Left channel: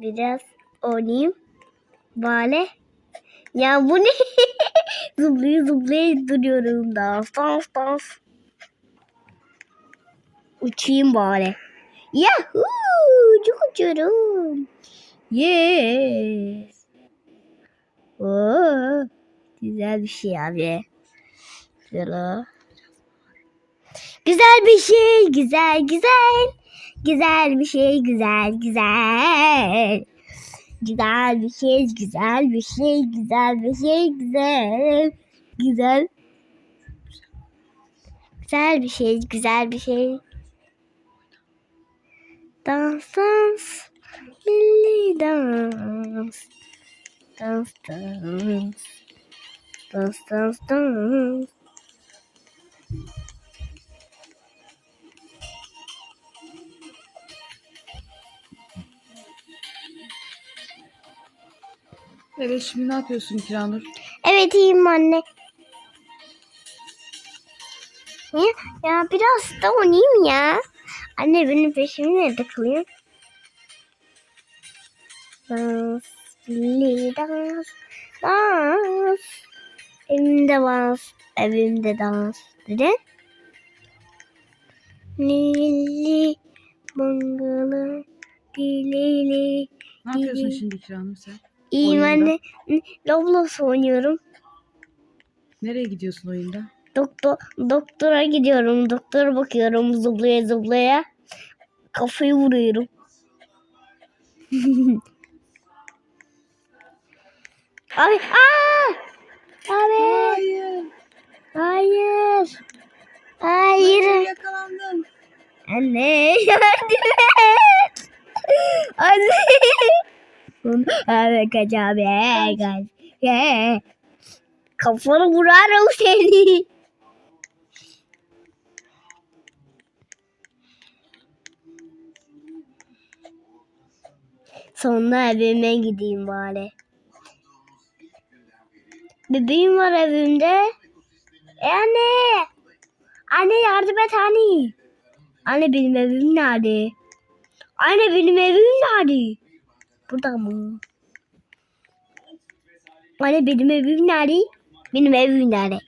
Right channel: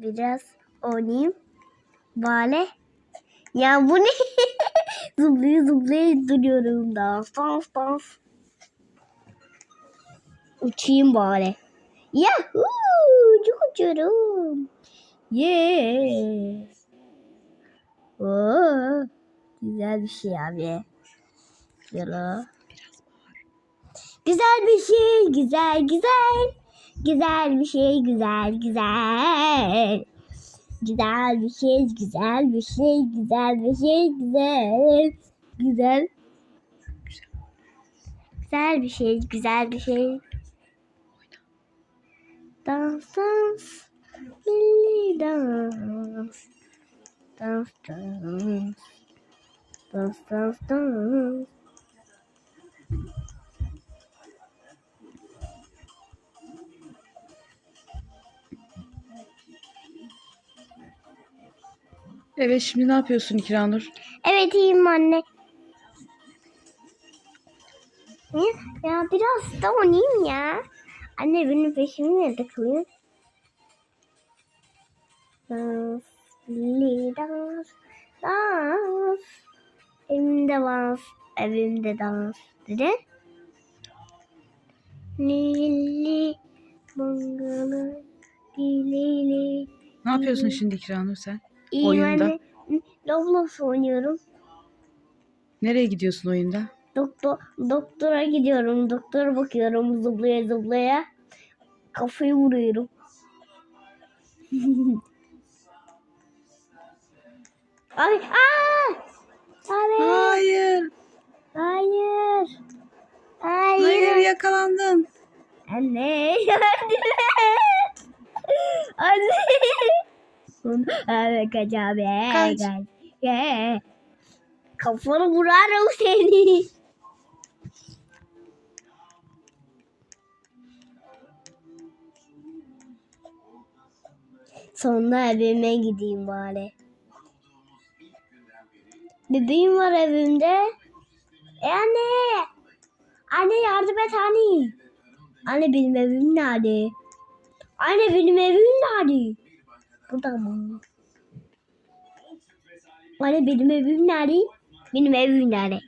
Biraz oynayayım. Böyle. Ya bu ne? zıplaya zıplaya duruyorum da. Dans dans. Uçayım bari. Yahoo! Çok uçuyorum. Yes. Oo, güzel bir şey abi. Güzel. Güzel bir şey, güzel güzel. Güzel bir şey, güzel güzel. Güzel bir şey, güzel bir şey, güzel bir şey, güzel. Güzel. Güzel bir şey, güzel bir şey. Dans dans. Milli dans. Dans dans. Dans dans dans. Evet şimdi ne yapıyorsun Kiranur? Evet iyiyim anne. Ya, ya biraz da oynayayım ya. Anne benim peşimi nerede kılıyor? Dans, dans, dans. Evimde dans, evimde dans. Neden? Lili, bungalı, dilili. Ne yapıyorsun şimdi Kiranur sen? İyiyim Oyunda. anne. Roblox oynuyorum. Nereye gidiyorsun oyunda? Doktor doktora gidiyorum. Doktora bakıyorum zıplaya zıplaya. Kafayı vuruyorum. Abi aa! Abi Hayır. hayır. Hayır Hayır. yakalandın. Anne yardım et. Evet kaç. Kaç. Kafanı vurarım seni. Sonra evime gideyim bari. Bebeğim var evimde. E anne. Anne yardım et anne. Anne benim evim nerede? Anne benim evim nerede? Burada mı? Anne benim evim nerede? Benim evim nerede?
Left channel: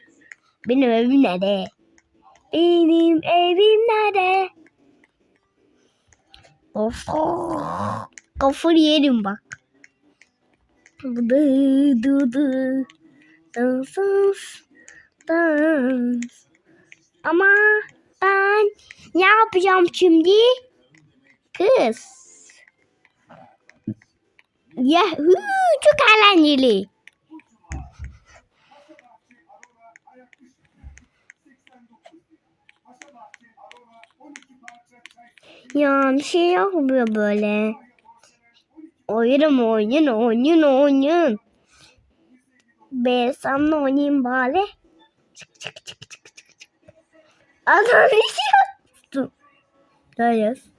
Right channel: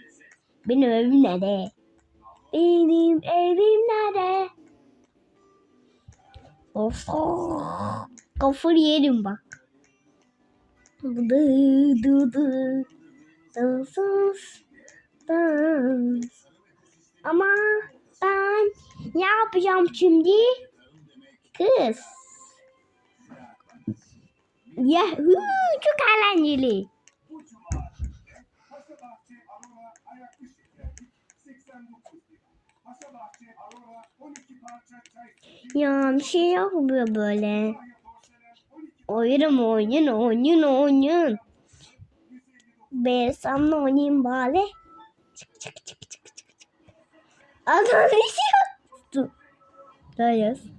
Benim evim nerede? Benim evim nerede? Of. Kafayı yerim bak. Dı. Dans dans. Dans. Ama ben ne yapacağım şimdi? Kız. Yahoo çok eğlenceli. Ya bir şey yapmıyor böyle. Oyun oyun oyun oyun. Ben sana oynayayım bari. Çık çık çık çık çık. Adam bir şey yaptı. Dayız.